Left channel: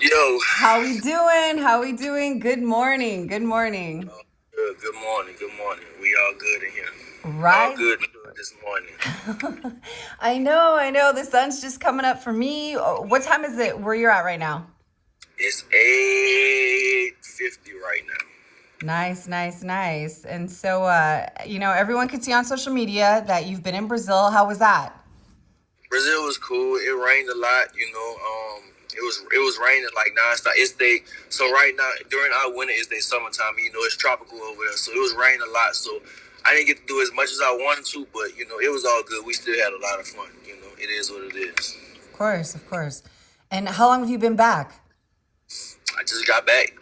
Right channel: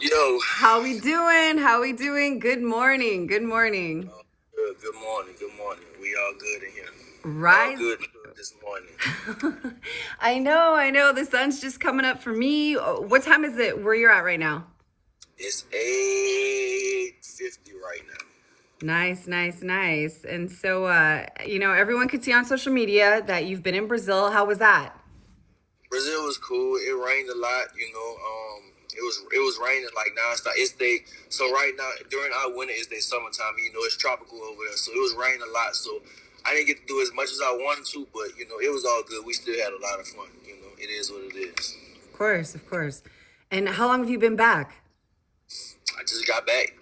Yo, How we doing? How we doing? Good morning. Good morning. good morning, good morning. We all good in here. All Rise. good this morning. I know. The sun's just coming up for me. What time is it where you're at right now? It's 8:50 right now. Nice. And so, everyone could see on social media that you've been in Brazil. How was that? Brazil was cool. It rained a lot, it was raining like nonstop. So right now during our winter is their summertime. It's tropical over there, so it was raining a lot. So I didn't get to do as much as I wanted to, but it was all good. We still had a lot of fun. It is what it is. Of course. And how long have you been back? I just got back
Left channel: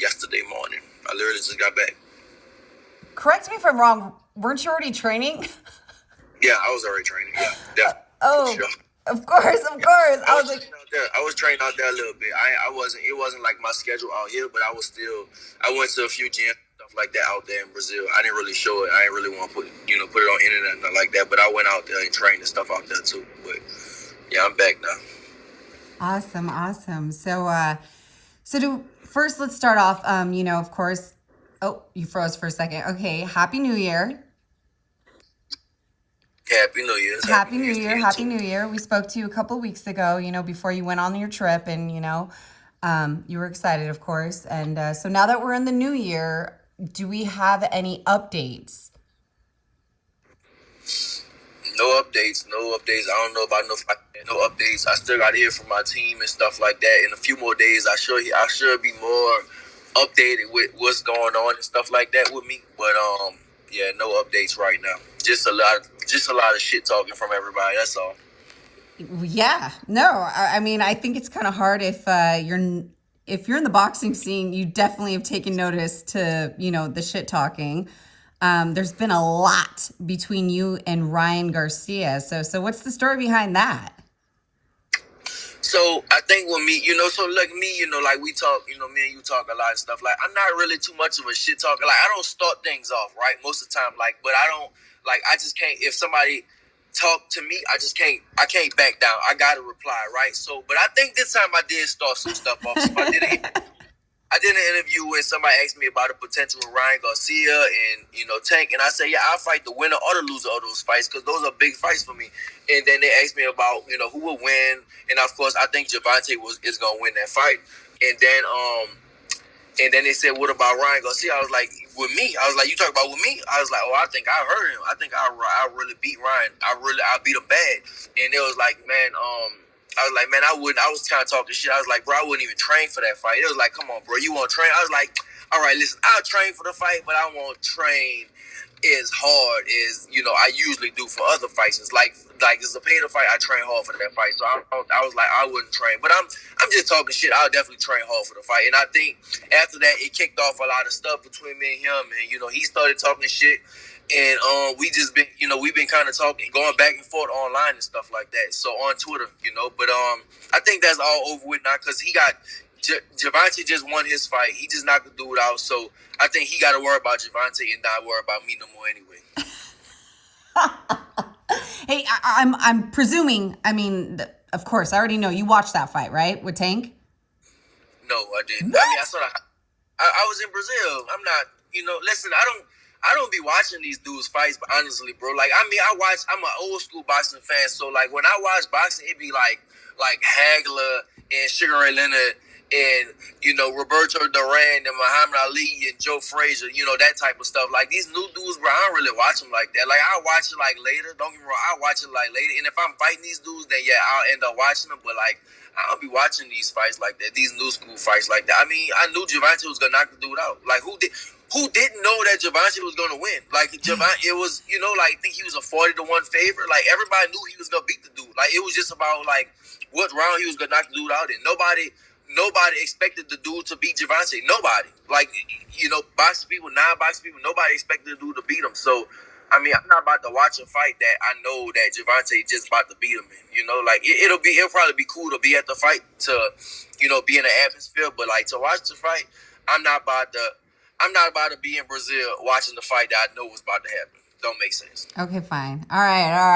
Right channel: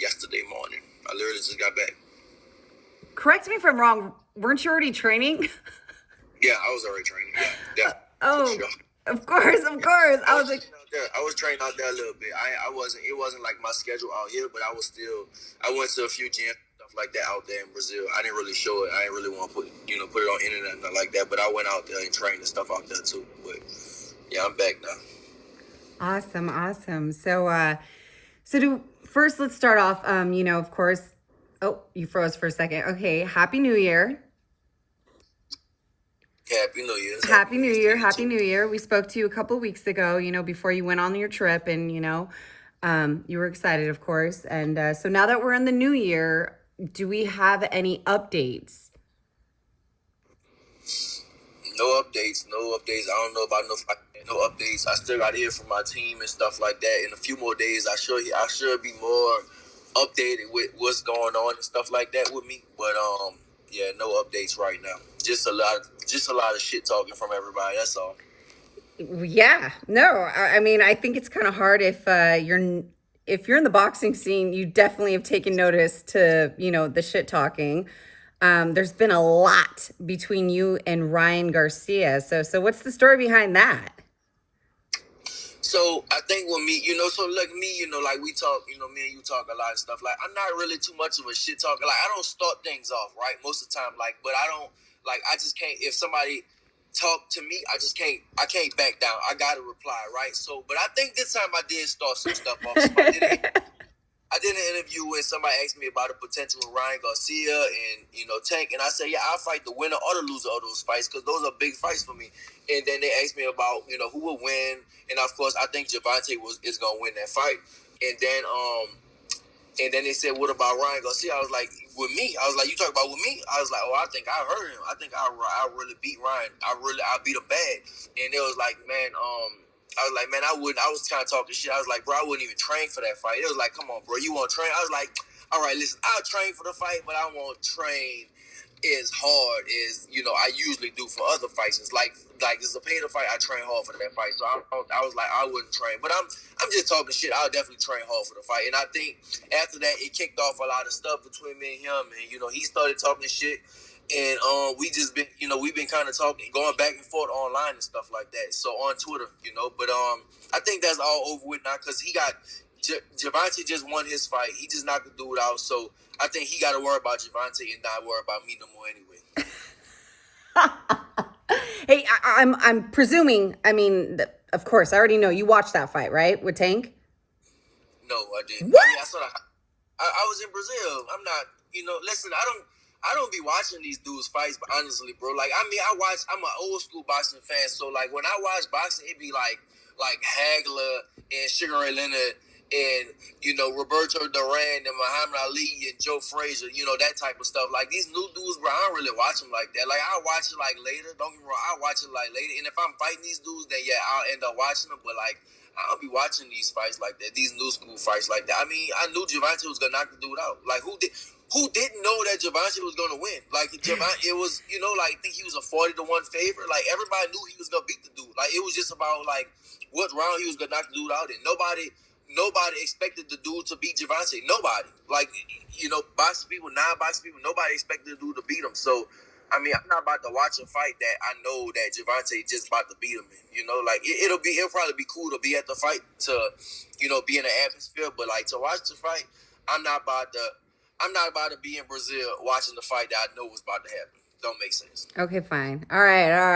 yesterday morning. I literally just got back. Correct me if I'm wrong. Weren't you already training? Yeah, I was already training. Yeah, definitely for Oh, sure. of course. I I was was like, training out there. I was training out there a little bit. I wasn't. It wasn't like my schedule out here, but I was still. I went to a few gyms stuff like that out there in Brazil. I didn't really show it. I didn't really want to put it on internet and nothing like that. But I went out there and trained and stuff out there too. But yeah, I'm back now. awesome. So first let's start off. Of course. Oh, you froze for a second. Okay, Happy New Year. Happy New Year's. Happy Happy New New Year's to Year. you Happy too. New Year. We spoke to you a couple weeks ago, before you went on your trip, and you were excited, of course. And so now that we're in the new year, do we have any updates? No updates. No updates. I don't know about no updates. I still got to hear from my team and stuff like that. In a few more days, I should be more updated with what's going on and stuff like that with me. But yeah, no updates right now. Just a lot of shit talking from everybody. That's all. Yeah, no, I mean, I think it's kind of hard if you're in the boxing scene, you definitely have taken notice to the shit talking. There's been a lot between you and Ryan Garcia. So what's the story behind that? So I think with me, so like me, like we talk, me and you talk a lot of stuff. Like I'm not really too much of a shit talker. Like I don't start things off right most of the time. Like, but I don't like I just can't. If somebody talk to me, I just can't. I can't back down. I gotta reply right. So, but I think this time I did start some stuff off. So I did an interview when somebody asked me about the potential of Ryan Garcia and Tank, and I said, yeah, I'll fight the winner or the loser of those fights because those are big fights for me. And then they asked me about who would win, and of course I think Javante is gonna win that fight. And then they said, what about Ryan Garcia? I was like, with me, I was like, you talk about with me? I was like, oh, I think I heard him. I think I really beat Ryan. I beat him bad. And it was like, man, I was like, man, I wouldn't. I was kind of talking shit. I was like, bro, I wouldn't even train for that fight. It was like, come on, bro, you want to train? I was like, all right, listen, I'll train for the fight, but I won't train as hard as I usually do for other fights. It's like it's a pay to fight. I train hard for that fight, so I was like, I wouldn't train, but I'm just talking shit. I'll definitely train hard for the fight, and I think after that it kicked off a lot of stuff between me and him, and he started talking shit. And we just been, we've been kind of talking, going back and forth online and stuff like that. So on Twitter, But I think that's all over with now because he got Javante just won his fight. He just knocked the dude out. So I think he got to worry about Javante and not worry about me no more anyway. Hey, I'm presuming. I mean, of course, I already know you watched that fight, right, with Tank. No, I didn't. I mean, I What? sort of. I was in Brazil. I'm not. Listen, I don't be watching these dudes fights, but honestly, bro, like I mean, I'm an old school boxing fan, so like when I watch boxing, it be like Hagler and Sugar Ray Leonard and Roberto Duran and Muhammad Ali and Joe Frazier, that type of stuff. Like these new dudes, bro, I don't really watch them like that. Like I watch it like later. Don't get me wrong, I watch it like later. And if I'm fighting these dudes, then yeah, I'll end up watching them. But like I don't be watching these fights like that, these new school fights like that. I mean, I knew Javante was gonna knock the dude out. Like who didn't know that Javante was gonna win? Like Javante, it was like I think he was a 40-1 favorite. Like everybody knew he was gonna beat the dude. Like it was just about like what round he was gonna knock the dude out in. Nobody expected the dude to beat Javante. Nobody. Like, boxing people, non-boxing people, nobody expected the dude to beat him. So, I mean, I'm not about to watch a fight that I know that Javante just about to beat him in. Like it'll probably be cool to be at the fight to, be in the atmosphere. But like to watch the fight, I'm not about to. I'm not about to be in Brazil watching the fight that I know was about to happen. Don't make sense. Okay, fine. All right. All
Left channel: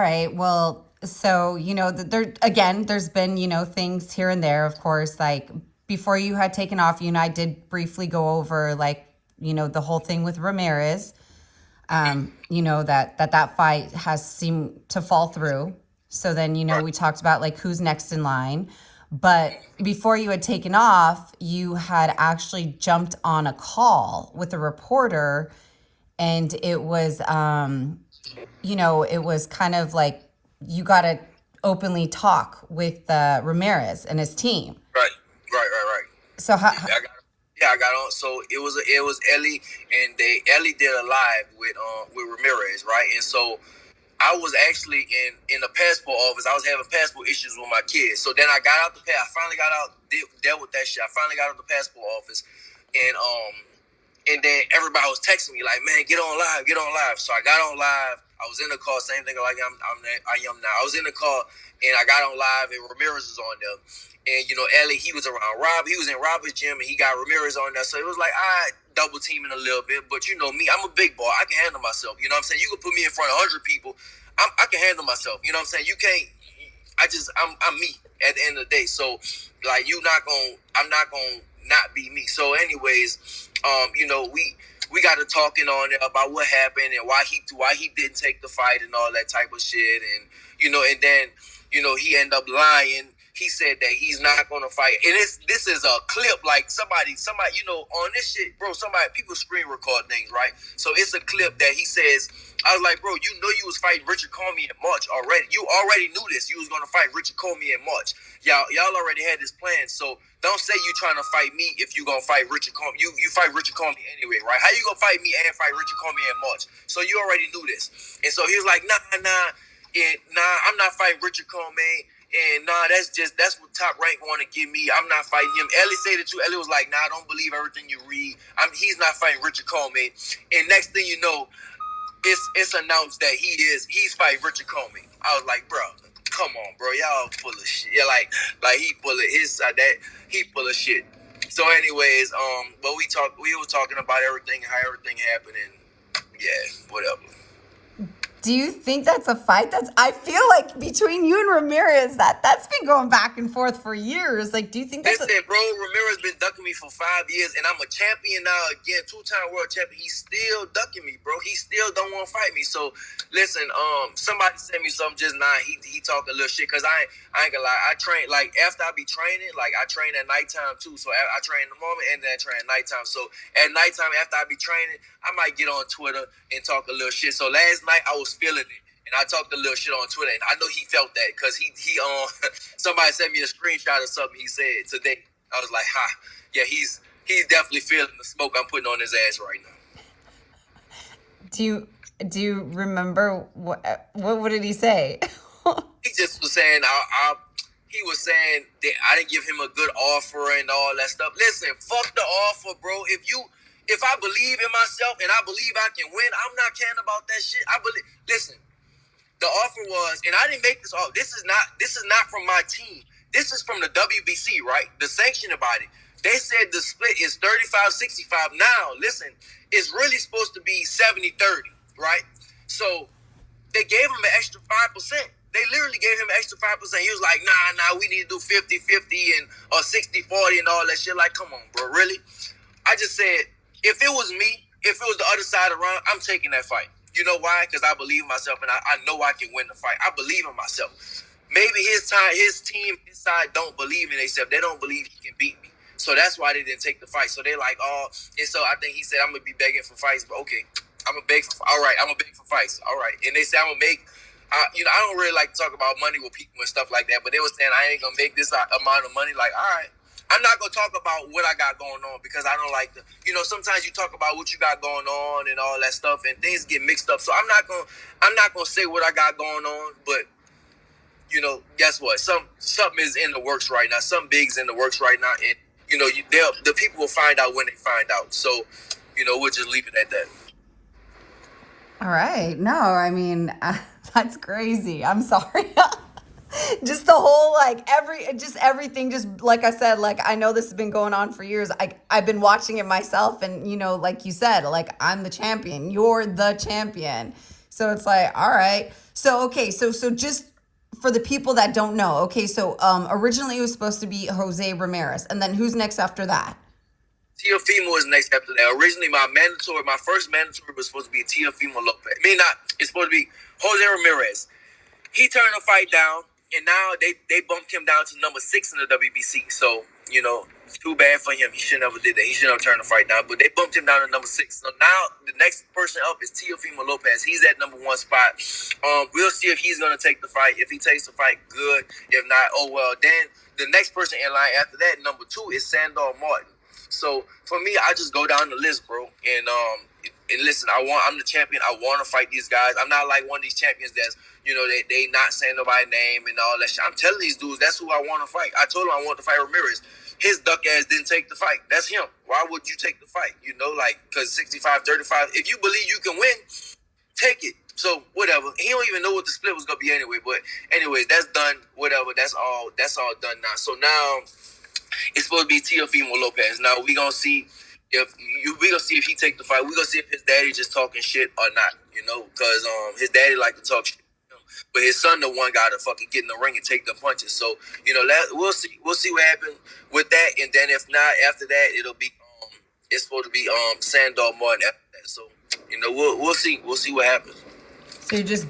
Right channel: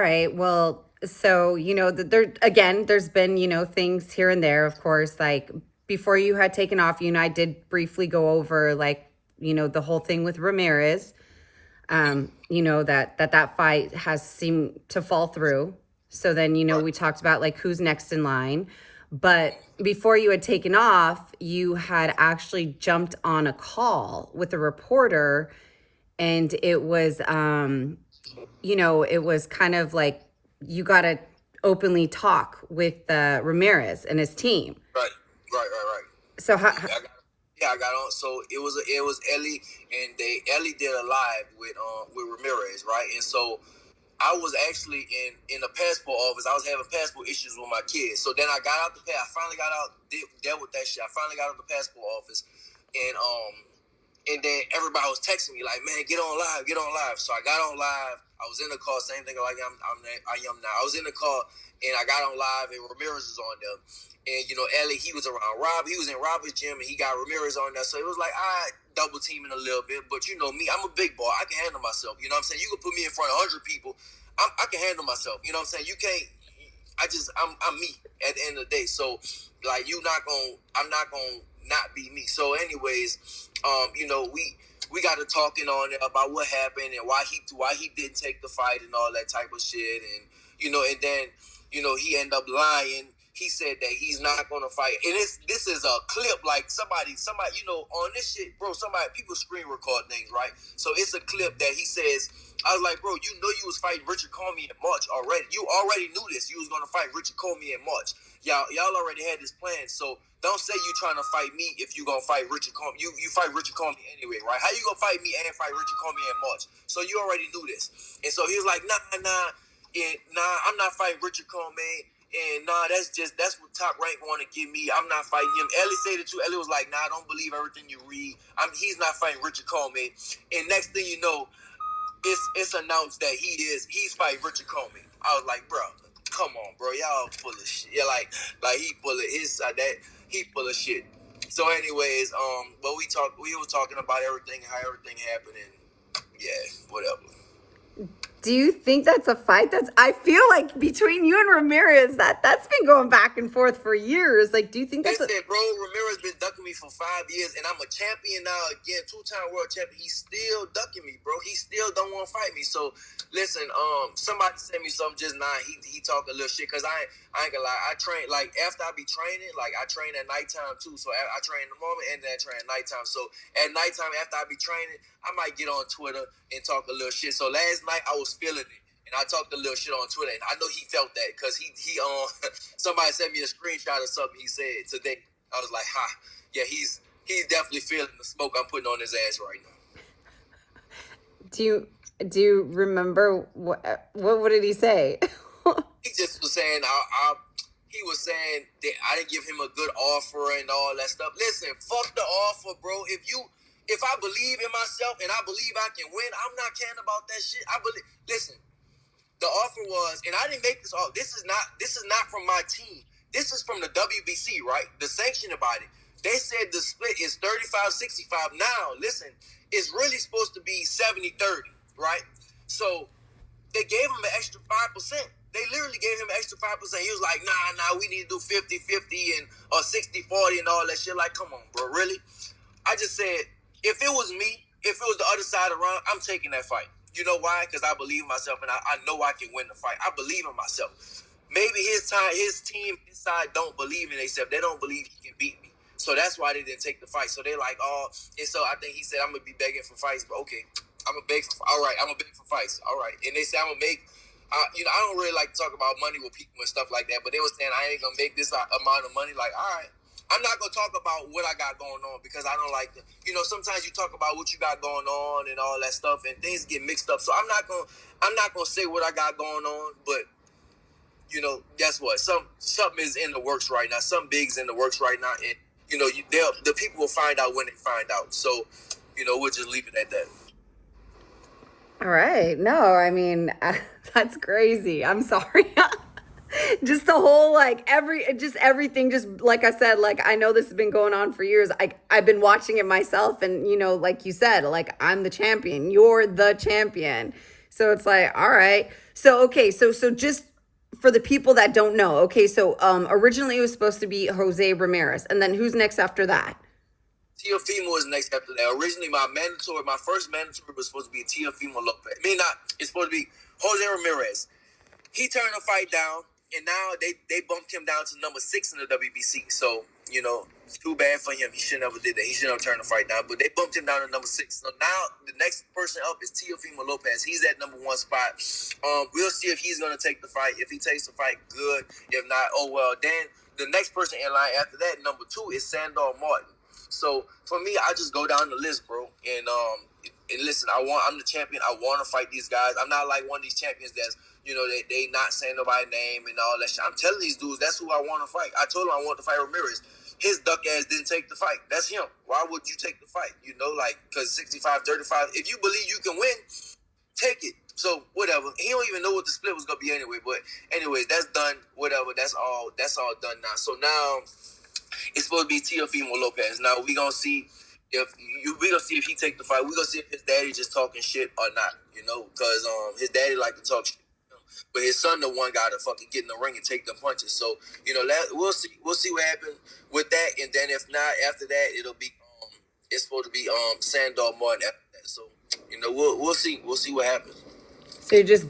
right. Well, So, there again, there's been, things here and there, of course, like before you had taken off, you and I did briefly go over like, the whole thing with Ramirez. That fight has seemed to fall through. So then, Right. we talked about like who's next in line. But before you had taken off, you had actually jumped on a call with a reporter, and it was kind of like you got to openly talk with Ramirez and his team. Right. Right. So Yeah, I got on. So it was Ellie, and Ellie did a live with Ramirez, right? And so I was actually in the passport office. I was having passport issues with my kids. So then I got out I finally got out, dealt with that shit. I finally got out the passport office, and then everybody was texting me like, "Man, get on live, get on live." So I got on live. I was in the car, same thing like I am now. I was in the car and I got on live, and Ramirez was on there. And Ellie, he was around Rob. He was in Robert's gym, and he got Ramirez on there. So it was like I double teaming a little bit. But me, I'm a big boy. I can handle myself. You know what I'm saying? You can put me in front of 100 people. I can handle myself. You know what I'm saying? You can't. I'm me at the end of the day. So like I'm not gonna not be me. So anyways, we got to talking on there about what happened and why he didn't take the fight and all that type of shit. And and then he ended up lying. He said that he's not gonna fight. And this is a clip, like somebody on this shit, bro. People screen record things, right? So it's a clip that he says. I was like, bro, you was fighting Richard Comey in March already. You already knew this. You was gonna fight Richard Comey in March. Y'all already had this plan. So don't say you trying to fight me if you gonna fight Richard Comey. You fight Richard Comey anyway, right? How you gonna fight me and fight Richard Comey in March? So you already knew this. And so he was like, nah, I'm not fighting Richard Comey. And that's what Top Rank want to give me. I'm not fighting him. Ellie said it too. Ellie was like, nah, I don't believe everything you read. He's not fighting Richard Comey. And next thing you know, it's announced that he's fighting Richard Comey. I was like, bro, come on, bro, y'all full of shit. Yeah, like he full of he full of shit. So, anyways, but we were talking about everything, how everything happened, and yeah, whatever. do you think that's a fight? I feel like between you and Ramirez, that's been going back and forth for years. Like, do you think that's Listen, bro, Ramirez been ducking me for 5 years, and I'm a champion now again, 2-time world champion. He's still ducking me, bro. He still don't want to fight me. So, listen, somebody sent me something just now. He talking a little shit, because I ain't gonna lie. I train, like, after I be training, like, I train at nighttime, too. So, I train in the morning, and then I train at nighttime. So, at nighttime, after I be training, I might get on Twitter and talk a little shit. So, last night, I was feeling it. And I talked a little shit on Twitter, and I know he felt that, because he somebody sent me a screenshot of something he said today. I was like, yeah, he's definitely feeling the smoke I'm putting on his ass right now. do you remember what did he say? He just was saying he was saying that I didn't give him a good offer and all that stuff. Listen, fuck the offer, bro. If I believe in myself and I believe I can win, I'm not caring about that shit. Listen. The offer was, and I didn't make this offer. This is not from my team. This is from the WBC, right? The sanctioning body. They said the split is 35-65. Now, listen, it's really supposed to be 70-30, right? So they gave him an extra 5%. They literally gave him an extra 5%. He was like, nah, we need to do 50-50 and or 60-40 and all that shit. Like, come on, bro, really? I just said, if it was me, if it was the other side around, I'm taking that fight. You know why? Because I believe in myself, and I know I can win the fight. I believe in myself. Maybe his team, his side don't believe in themselves. They don't believe he can beat me. So that's why they didn't take the fight. So they're like, and so I think he said, I'm going to be begging for fights. But okay, I'm going to beg for, all right, I'm going to beg for fights. All right. And they said, I'm going to make, I don't really like to talk about money with people and stuff like that. But they were saying, I ain't going to make this amount of money. Like, all right. I'm not going to talk about what I got going on, because I don't like sometimes you talk about what you got going on and all that stuff, and things get mixed up. So I'm not going to say what I got going on, but guess what? Something is in the works right now. Something big's in the works right now, and the people will find out when they find out. So, we'll just leave it at that. All right. No, I mean, that's crazy. I'm sorry. Just the whole everything, just like I said, like I know this has been going on for years. I've been watching it myself, and like you said, like I'm the champion, you're the champion. So it's like, all right. So okay, so just for the people that don't know, okay, so originally it was supposed to be Jose Ramirez, and then who's next after that? Teofimo is next after that. Originally, my first mandatory was supposed to be Teofimo Lopez. I mean, not. It's supposed to be Jose Ramirez. He turned the fight down, and now they bumped him down to number 6 in the WBC. So, it's too bad for him. He should never did that. He should never turned the fight down. But they bumped him down to number 6. So now the next person up is Teofimo Lopez. He's at number 1 spot. We'll see if he's gonna take the fight. If he takes the fight, good. If not, oh well. Then the next person in line after that, number 2, is Sandor Martin. So for me, I just go down the list, bro. And listen, I'm the champion. I want to fight these guys. I'm not like one of these champions that's, they not saying nobody's name and all that shit. I'm telling these dudes that's who I want to fight. I told him I want to fight Ramirez. His duck ass didn't take the fight. That's him. Why would you take the fight? Because 65-35. If you believe you can win, take it. So whatever. He don't even know what the split was gonna be anyway. But anyways, that's done. Whatever. That's all done now. So now it's supposed to be Teofimo Lopez. Now we gonna see if he take the fight. We gonna see if his daddy just talking shit or not. Because his daddy like to talk shit. But his son, the one guy to fucking get in the ring and take the punches. So we'll see. We'll see what happens with that. And then if not, after that, it'll be it's supposed to be Sandor Martin after that. So we'll see. We'll see what happens. So you're just,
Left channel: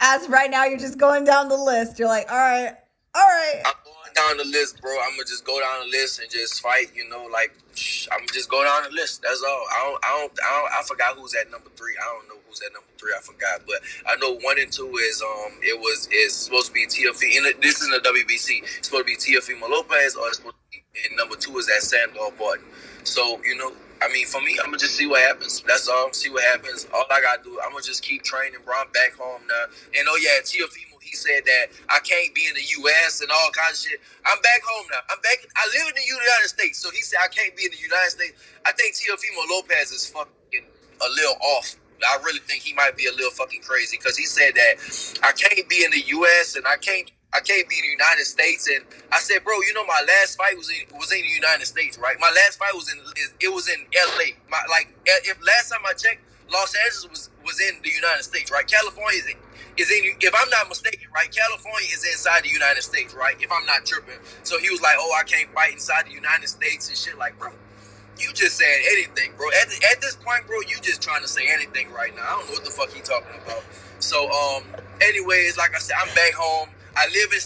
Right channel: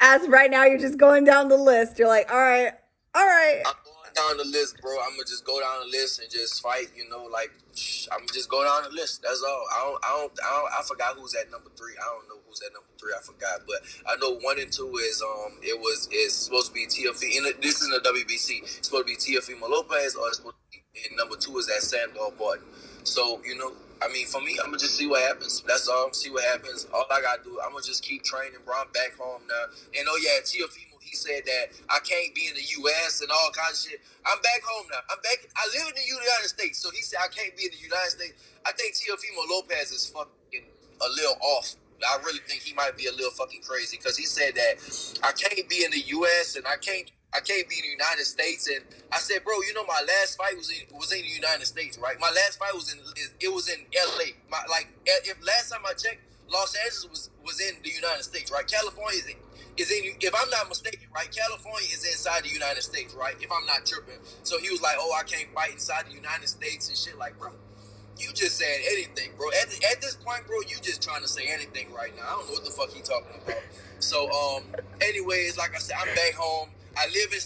as right now, you're just going down the list. You're like, all right. I'm going down the list, bro. I'm gonna just go down the list and just fight. I'm gonna just go down the list. That's all. I forgot who's at number 3. I don't know who's at number 3. I forgot, but I know 1 and 2 is supposed to be Teofimo. This is in the WBC. It's supposed to be Teofimo Lopez, or it's supposed to be, and number 2 is that Sandor Martin. So for me, I'm gonna just see what happens. That's all. See what happens. All I gotta do, I'm gonna just keep training, bro. I'm back home now. And Teofimo, he said that I can't be in the U.S. and all kinds of shit. I'm back home now. I live in the United States, so he said I can't be in the United States. I think Teofimo Lopez is fucking a little off. I really think he might be a little fucking crazy because he said that I can't be in the U.S. and I can't be in the United States. And I said, bro, my last fight was in the United States, right? My last fight was in L.A. If last time I checked, Los Angeles was in the United States, right? California is in, if I'm not mistaken, right? California is inside the United States, right? If I'm not tripping. So he was like, oh, I can't fight inside the United States and shit. Like, bro, you just saying anything, bro. At this point, bro, you just trying to say anything right now. I don't know what the fuck he talking about. So, anyways, like I said, I'm back home. I live in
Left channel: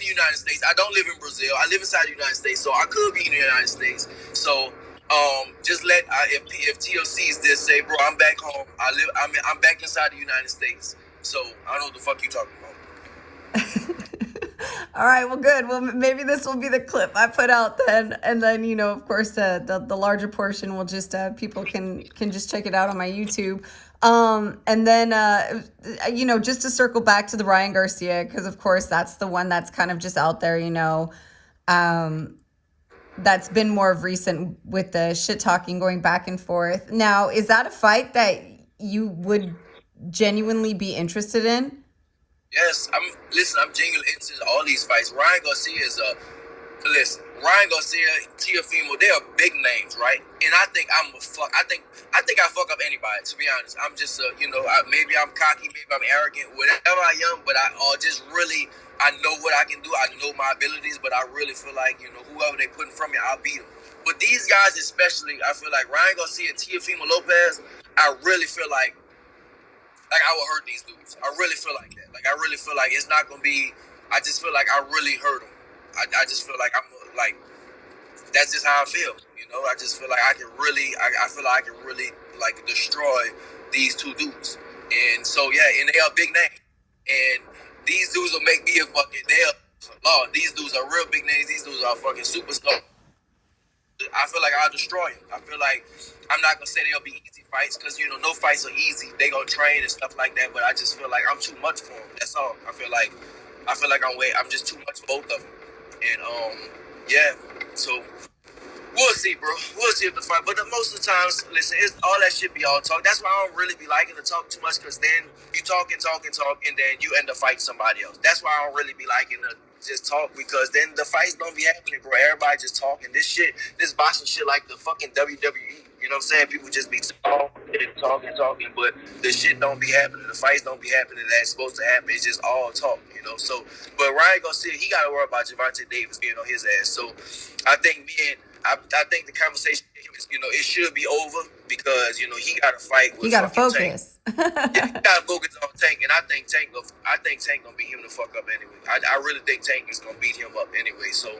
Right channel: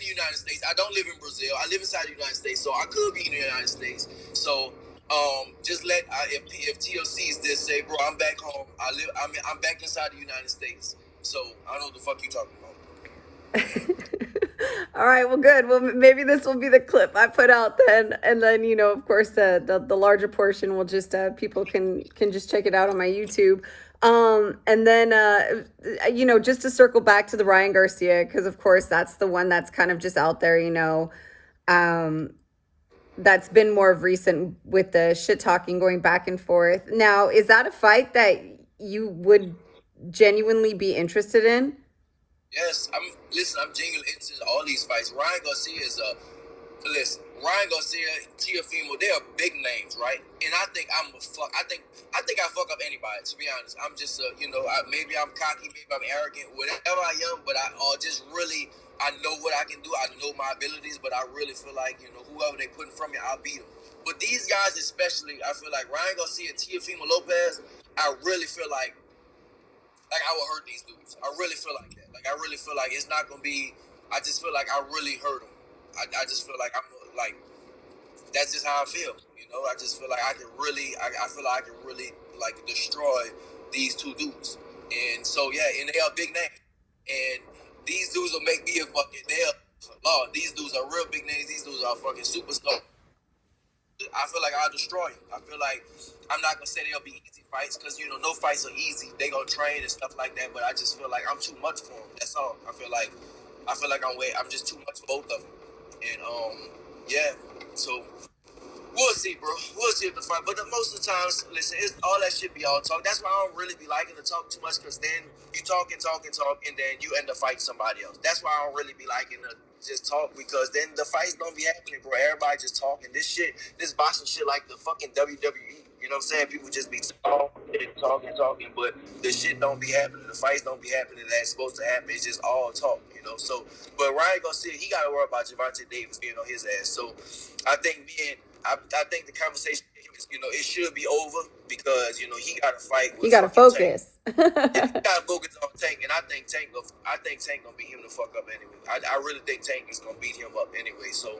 the United States. I don't live in Brazil. I live inside the United States, so I could be in the United States. So, just if TLCs did say, bro, I'm back home. I'm back inside the United States. So I don't know what the fuck you talking about. All right, well, good. Well, maybe this will be the clip I put out then, and then of course, the larger portion will just people can just check it out on my YouTube. And then just to circle back to the Ryan Garcia, because of course that's the one that's kind of just out there, that's been more of recent with the shit talking going back and forth. Now, is that a fight that you would genuinely be interested in? Yes, I'm genuinely interested in all these fights. Ryan Garcia Ryan Garcia, Teofimo, they are big names, right? And I think I fuck up anybody, to be honest. I'm just maybe I'm cocky, maybe I'm arrogant, whatever I am, but I know what I can do. I know my abilities, but I really feel like, whoever they put in front of me, I'll beat them. But these guys especially, I feel like Ryan Garcia and Teofimo Lopez, I really feel like I will hurt these dudes. I really feel like that. I really feel like it's not going to be, I just feel like I really hurt them. I just feel like that's just how I feel. I just feel like I feel like I can really destroy these two dudes. And so, yeah, and they are big names. And these dudes will make me these dudes are real big names. These dudes are fucking superstars. I feel like I'll destroy them. I feel like I'm not going to say they'll be easy fights because, no fights are easy. They going to train and stuff like that, but I just feel like I'm too much for them. That's all. I feel like I'm just too much for both of them. And, yeah, so we'll see, bro. We'll see if the fight. But most of the times, listen, all that shit be all talk. That's why I don't really be liking to talk too much because then you talk, and then you end up fighting somebody else. That's why I don't really be liking to just talk because then the fights don't be happening, bro. Everybody just talking. This boxing shit like the fucking WWE. You know what I'm saying? People just be talking, but the shit don't be happening. The fights don't be happening that's supposed to happen. It's just all talk, you know. So, but Ryan Garcia, he got to worry about Gervonta Davis being on his ass. So, I think I think the conversation, you know, it should be over because you know he got to fight You with got to fucking Tank. focus. Yeah, he got to focus on Tank, and I think Tank gonna beat him the fuck up anyway. I really think Tank is gonna beat him up anyway. So,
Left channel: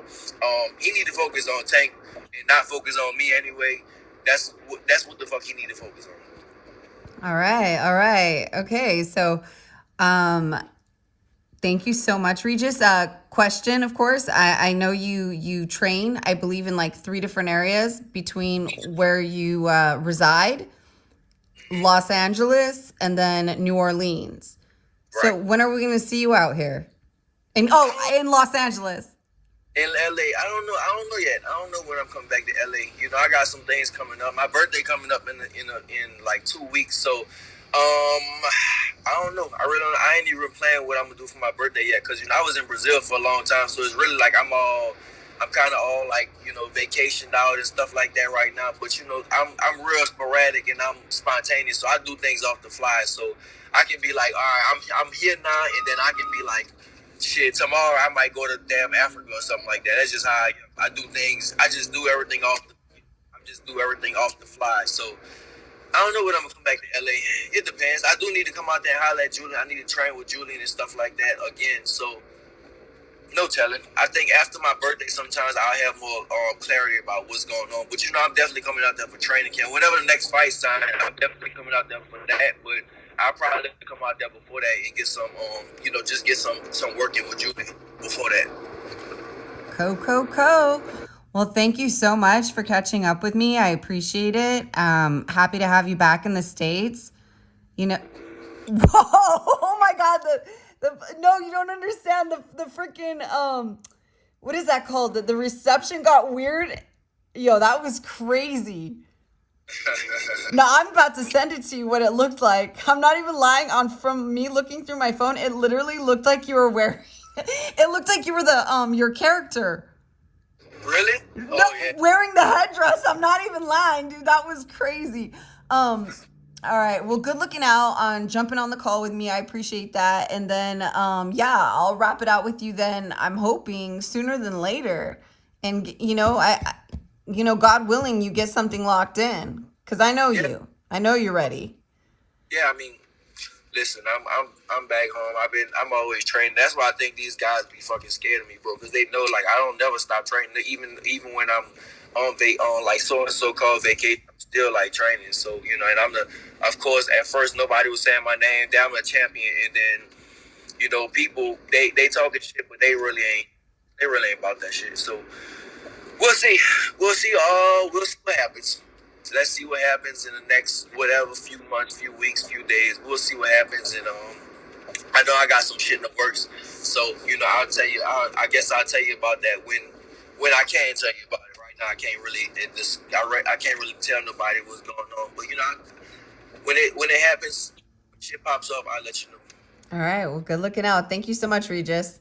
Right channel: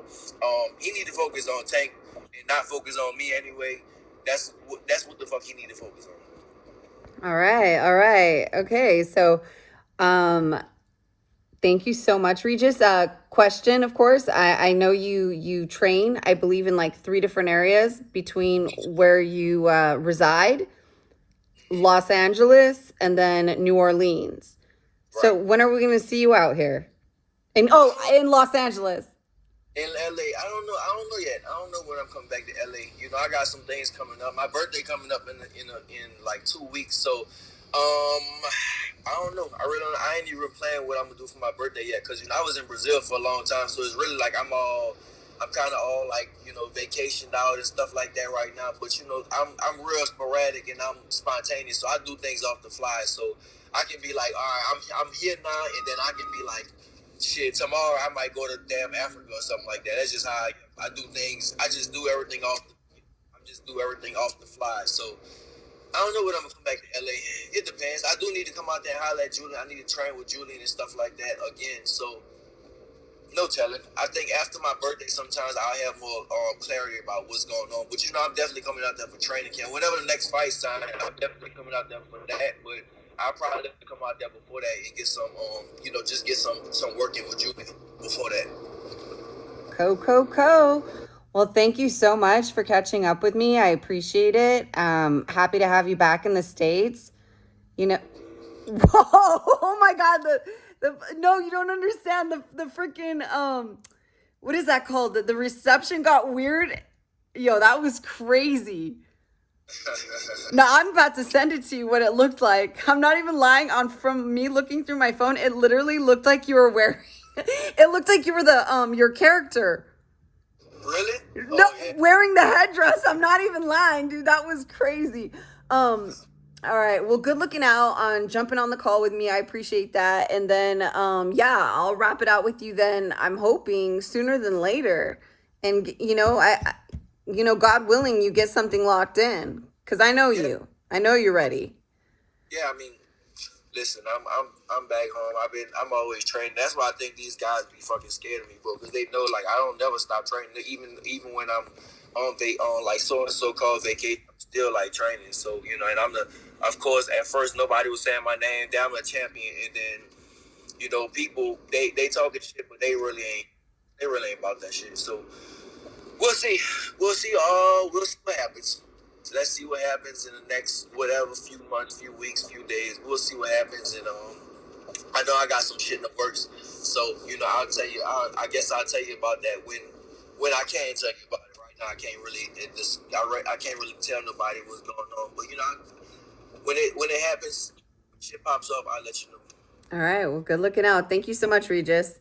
he need to focus on Tank and not focus on me anyway. That's what the fuck he need to focus on. All right. All right. Okay. So, um, thank you so much, Regis. Question, of course. I know you train, I believe, in like 3 different areas between where you reside, Los Angeles, and then New Orleans. So Right. when are we going to see you out here? In Los Angeles. In LA, I don't know yet. I don't know when I'm coming back to LA. You know, I got some things coming up. My birthday coming up in like 2 weeks. So, I don't know. I really don't. I ain't even planning what I'm gonna do for my birthday yet. Cause you know I was in Brazil for a long time, so it's really like I'm kind of all like you know vacationed out and stuff like that right now. But you know I'm real sporadic and I'm spontaneous, so I do things off the fly. So I can be like, all right, I'm here now, and then I can be like, shit, tomorrow I might go to damn Africa or something like that. That's just how I do things. I just do everything off. I just do everything off the fly. So I don't know when I'm gonna come back to LA. It depends. I do need to come out there and holler at Julian. I need to train with Julian and stuff like that again. So no telling. I think after my birthday, sometimes I'll have more clarity about what's going on. But you know, I'm definitely coming out there for training camp. Whenever the next fight's time, I'm definitely coming out there for that. But I'll probably come out there before that and get some, you know, just get some working with Julian before that. Co. Well, thank you so much for catching up with me. I appreciate it. Happy to have you back in the States. You know, whoa, oh my God. No, you don't understand the freaking, what is that called? The reception got weird. Yo, that was crazy. Now I'm about to send it to you what it looked like. I'm not even lying. On from me looking through my phone, it literally looked like you were wearing. It looked like you were the your character. Really? No, Oh yeah. wearing the headdress. I'm not even lying, dude. That was crazy. All right. Well, good looking out on jumping on the call with me. I appreciate that. And then, yeah, I'll wrap it out with you. Then I'm hoping sooner than later. And you know, God willing, you get something locked in because I know Yeah. you. I know you're ready. Yeah. I mean, listen, I'm back home. I'm always training. That's why I think these guys be fucking scared of me, bro, because they know like I don't never stop training. Even when I'm on like so and so called vacation, I'm still like training. So you know, and of course at first nobody was saying my name. Then I'm a champion, and then you know people they talking shit, but they really ain't about that shit. So we'll see. We'll see. We'll see what happens. Let's see what happens in the next whatever few months, few weeks, few days. We'll see what happens, and I know I got some shit in the works. So you know, I'll tell you. I guess I'll tell you about that when I can tell you about it. Right now, I can't really. I can't really tell nobody what's going on. But you know, when it happens, when shit pops up, I'll let you know. All right. Well, good looking out. Thank you so much, Regis.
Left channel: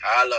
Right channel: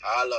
Holla.